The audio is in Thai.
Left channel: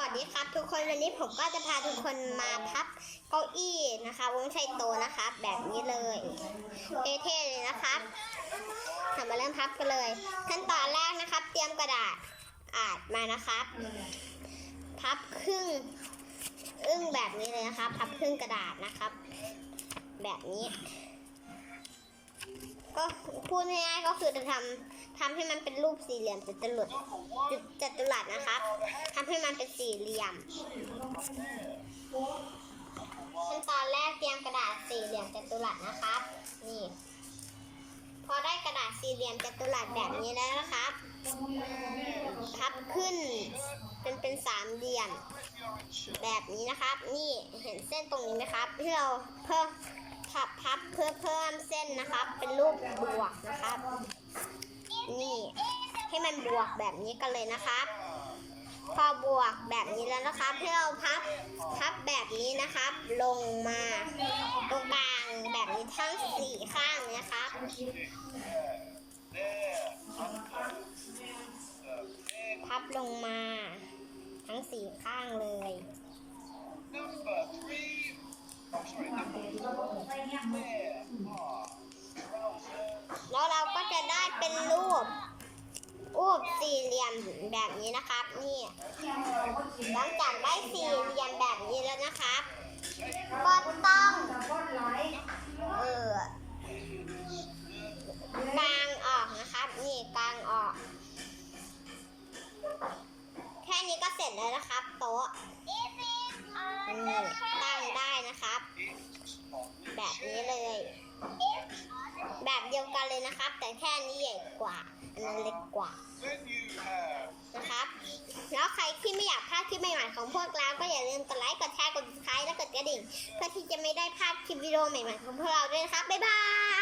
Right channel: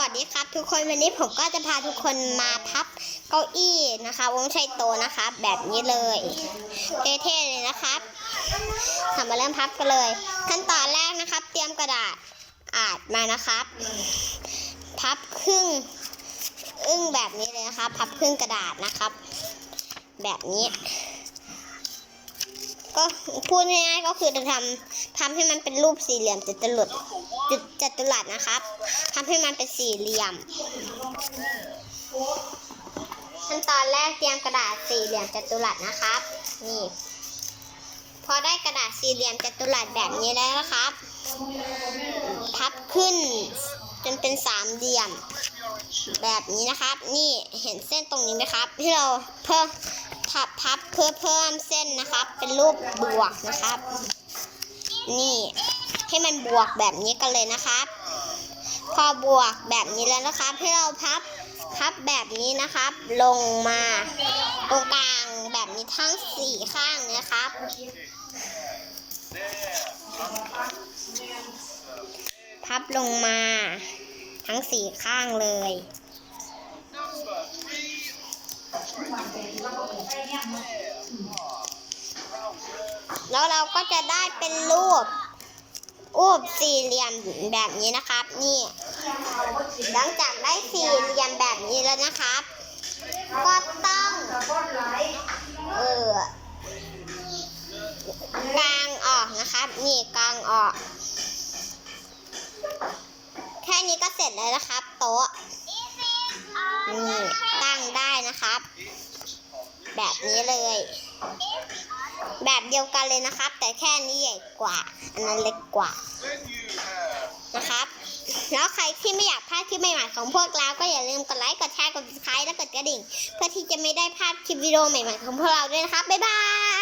วัสดีครับ ทุกคนวันนี้ผมก็จะพาทุกคนมาพับเก้าอี้นะคะวงใช้โตนะคะแบบนี้เลยเท่ๆเลยนะครับทำมาเริ่มพับกันเลย ขั้นตอนแรกนะครับ เตรียมกระดาษอาดมานะครับ พับครึ่งอึ้งแบบนี้เลยนะครับ พับครึ่งกระดาษนะครับ แบบนี้ ก็พูดง่ายๆก็คือจะทำทำให้มันเป็นรูปสี่เหลี่ยมจัตุรัสจัตุรัสนะครับทำให้มันเป็นสี่เหลี่ยมขั้นตอนแรกเตรียมกระดาษสี่เหลี่ยมจัตุรัสนะครับ นี่ พอได้กระดาษสี่เหลี่ยมจัตุรัสแบบนี้แล้วนะครับ พับขึ้นจนเป็นสามเหลี่ยม แบบนี้นะครับ นี่เห็นเส้นตรงนี้ไหมครับ ที่เราเพิ่ม พับพับเพื่อเพิ่มเส้นนะครับ เป็นรูปบวกนะครับ นี่ให้มันบวกแบบนี้กันเลยนะครับ พอบวกแบบนี้แล้วนะครับ ให้เราพับพับแบบนี้นะครับ ลงมาตรงกลางแบบนี้ทั้งสี่ข้างนะครับพับลงมา ทั้งสี่ข้างเลย แล้วเราก็จะได้เป็นรูปรูปสี่เหลี่ยมแบบนี้นะครับ นี่ หลังจากได้สี่เหลี่ยมแบบนี้แล้วนะครับ ก็ต้อง เออกลางออกนะครับ นี่กลางออก แค่นี้ก็เสร็จแล้วนะครับ โต๊ะนี่ตั้งได้นะครับ แบบนี้เลย แบบเดียวกันเลยนะครับ แต่แค่นี้ใหญ่กว่า อันนั้นเล็กกว่านะครับ แล้วใครที่ไม่อยากพลาดคลิปใหม่ๆของพวกเรา ก็อย่าลืมกดไลค์ กดแชร์ กดติดตามและกดกระดิ่ง เพื่อที่จะไม่ได้พลาดคลิปวิดีโอใหม่ๆของพวกเราด้วยนะครับ บ๊ายบาย